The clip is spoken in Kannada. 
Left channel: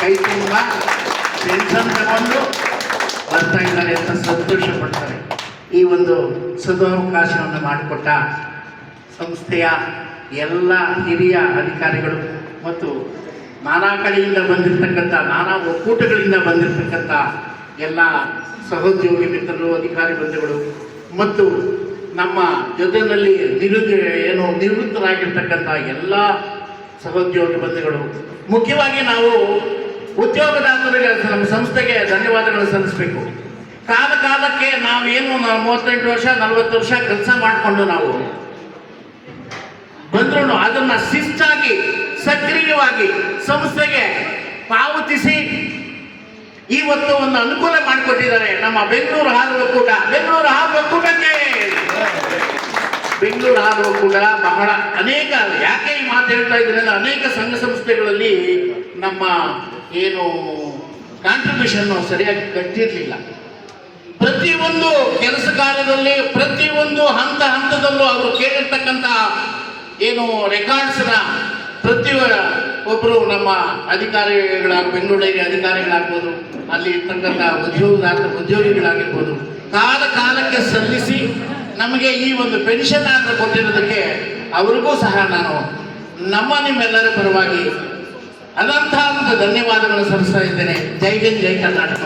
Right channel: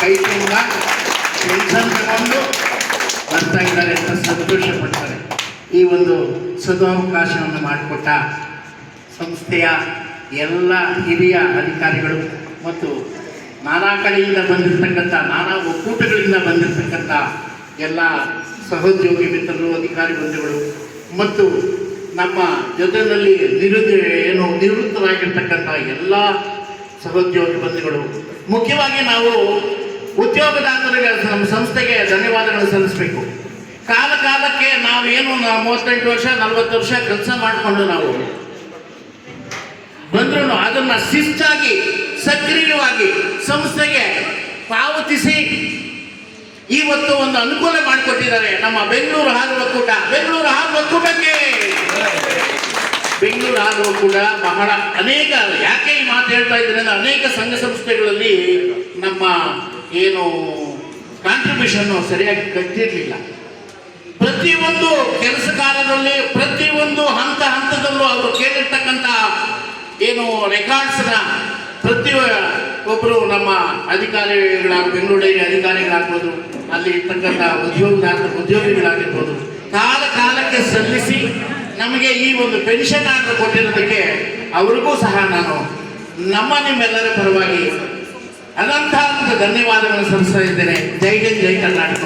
ಕೈ ತುಂಬ ತಗೊಂಡು ಬರ್ತಾ ಇದ್ದಾರೆ ಅಂತ ಸಂತೋಷ ಪಡ್ತಾರೆ. ಈ ಒಂದು ಸದಾವಕಾಶವನ್ನು ಮಾಡಿಕೊಟ್ಟ ಸಂಸ್ಥೆಯ ಎಲ್ಲ ಹಿರಿಯ ಅಧಿಕಾರಿಗಳು ಮತ್ತು ನಾನಾ ಕಡೆಯಿಂದ ಬಂದಿರತಕ್ಕಂಥ, ನಾನಾ ಒಕ್ಕೂಟಗಳಿಂದ ಬಂದಿರತಕ್ಕಂಥ ಎಲ್ಲ ಸಹೋದ್ಯೋಗಿ ಮಿತ್ರರು, ಅಧಿಕಾರಿ ಬಂಧುಗಳು ಮತ್ತು ನಮ್ಮ ಜೊತೆಯಲ್ಲಿ ನಿರುದ್ಯ ಏನು ನಿವೃತ್ತರಾಗಿರ್ತಕ್ಕಂಥ ಎಲ್ಲ ಸಹೋದ್ಯೋಗಿ ಬಂಧುಗಳು. ಮುಖ್ಯವಾಗಿ ನಾವು ಉದ್ಯೋಗದಾತರಿಗೆ ನಮ್ಮ ಸಂಸ್ಥೆಗೆ ಧನ್ಯವಾದಗಳು ಸಲ್ಲಿಸಬೇಕು. ಕಾಲ ಕಾಲಕ್ಕೆ ನಾವು ಏನು ಮೂವತ್ತೆಂಟು ವರ್ಷ, ನಲವತ್ತು ವರ್ಷ ಕೆಲಸ ಮಾಡಿಕೊಂಡು ನಾವು ಬಂದ್ರು ಅದನ್ನ ಶಿಸ್ತಾಗಿ, ಸಕ್ರಿಯವಾಗಿ ಸಂಸ್ಥೆಗೆ ಪಾವತಿಸಿ ಇವತ್ತು ಒಂದು ಅನುಕೂಲ ಮಾಡಿಕೊಟ್ಟಿದ್ದಾರೆ ನಮ್ಮ ಬೆಂಗಳೂರು ಹಾಲು ಒಕ್ಕೂಟ. ಬೆಂಗಳೂರು ಹಾಲು ಒಕ್ಕೂಟಕ್ಕೆ ಬೆಂಗಳೂರು ಹಾಲು ಕೂಡ ಬಹಳ ಅನೇಕ, ಯಾಕೆ ಈ ಮಾತು ಹೇಳ್ತಾ ಇದ್ದೀನಿ ಅಂದ್ರೆ ಅನೇಕ ಸಂಘ ಸಂಸ್ಥೆಗಳಲ್ಲಿ ನಮ್ಮ ಏನು ಕಾಂಟ್ರಿಬ್ಯೂಷನ್ ಸರಿಯಾಗಿ ಕಟ್ಟಿರಲಿಲ್ಲ. ಪ್ರತಿಯೊಂದು ಕೆಲಸ ಕಾರ್ಯದಲ್ಲಿ, ಪ್ರತಿಯೊಂದು ಹಂತ ಹಂತದಲ್ಲೂ ಅವರು ಕೇಳಿರ್ತಕ್ಕಂಥ ಏನು ರೆಕಾರ್ಡ್ಸ್ನ ಪ್ರತಿ ಒಬ್ಬರು ನಮ್ಮ ಅಧಿಕಾರಿಗಳ ಬೆಂಗಳೂರು ಡೈರಿ ಅಧಿಕಾರಿಗಳಾಗ್ಬೋದು, ಅಲ್ಲಿ ಇರ್ತಕ್ಕಂಥ ಉದ್ಯೋಗ ಉದ್ಯೋಗಿಗಳಾಗಿರ್ಬೋದು, ಕಾಲ ಕಾಲಕ್ಕೆ ಸಲ್ಲಿಸಿ ನಮಗೆ ಈ ಒಂದು ಪೆನ್ಷನ್ ಆರ್ಡರ್ ಕೊಟ್ಟಿರೋದಕ್ಕೆ ಅವ್ರಿಗೂ ಸಹ ನಾನು ನಮ್ಮ ನಿಮ್ಮೆಲ್ಲರ ಪರವಾಗಿ ಅನಂತ ಧನ್ಯವಾದಗಳನ್ನು ಸಲ್ಲಿಸ್ತಾ ಇದ್ದೇನೆ. ಜೈ ಹಿಂದ್, ಜೈ ಕರ್ನಾಟಕ.